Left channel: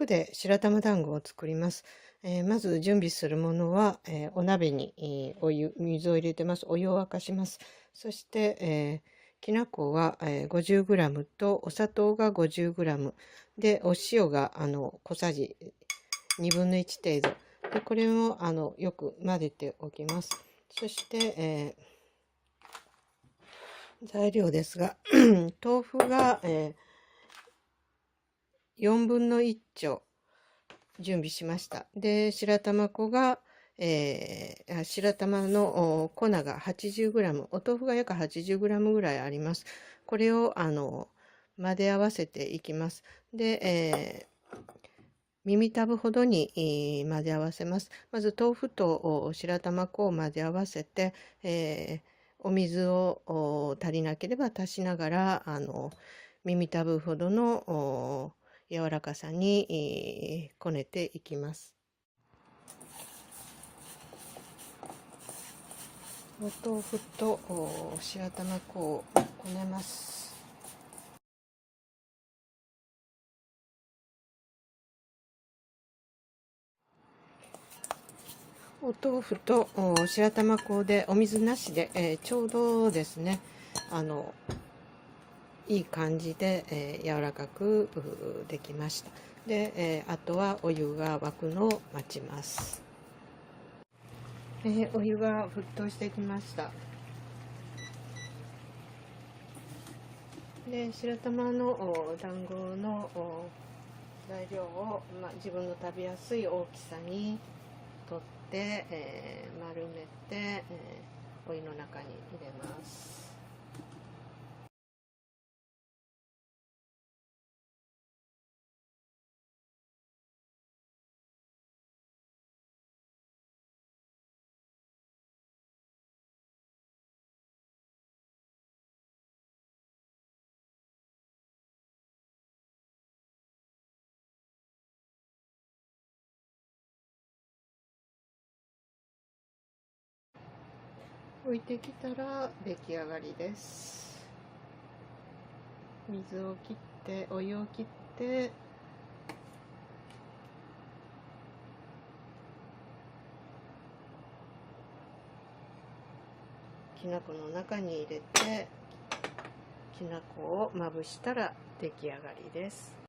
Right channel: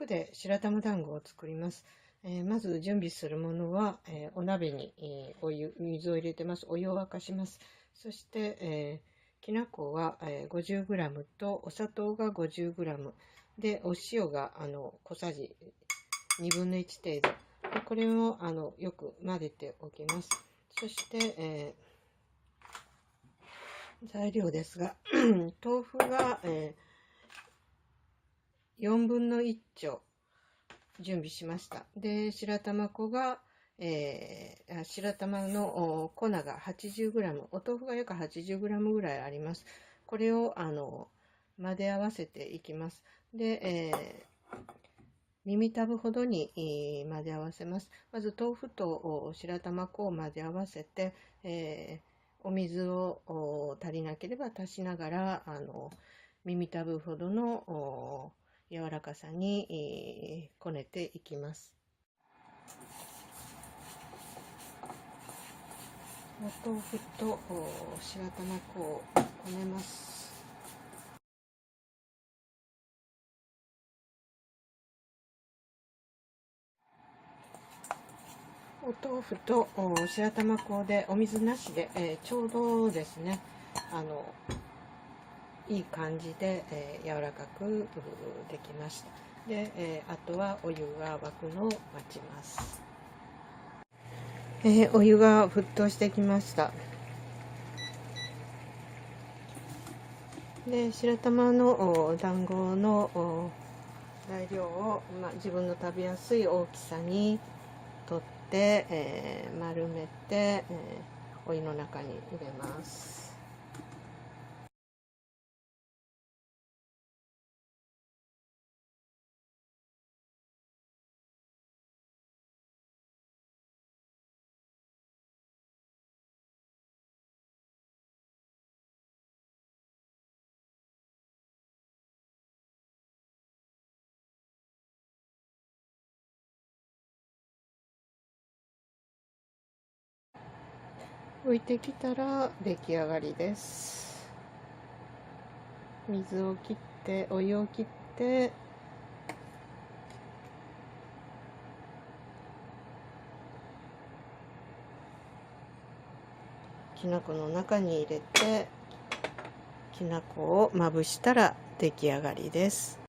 腐で白玉団子を作ります。まず準備するものは、お鍋に、水を入れてます。お湯を沸かします。そして、きな粉は、50g とお砂糖が 50g で、お塩が小さじ1/2程度で、これをよく混ぜておきます。そして、材料ですが豆腐が、1/4丁準備しました。で、白玉粉が、白玉の粉が 80g、お豆腐が約 80g ぐらいあります。これを混ぜ合わせていきます。で、耳たぶほどに、混ぜ合わせます。まず豆腐と白玉粉を混ぜ合わせて、お水を足りなければ足しながら耳たぶほどの柔らかさに、こねていきます。お豆腐と白玉粉をこねます。お豆腐と白玉粉でお水なしで、ちょうどですね、いい感じで、柔らかくできました。で、あとはお湯が沸くのを待ちます。お湯が沸騰してきました。で、白玉の団子の材料を、自分の食べやすい大きさに取って、丸めて、お湯の中に入れます。浮いてきたら出来上がりです。水を切って、お湯を切って、きな粉の中に入れて、きな粉をまぶしたら出来上がりです。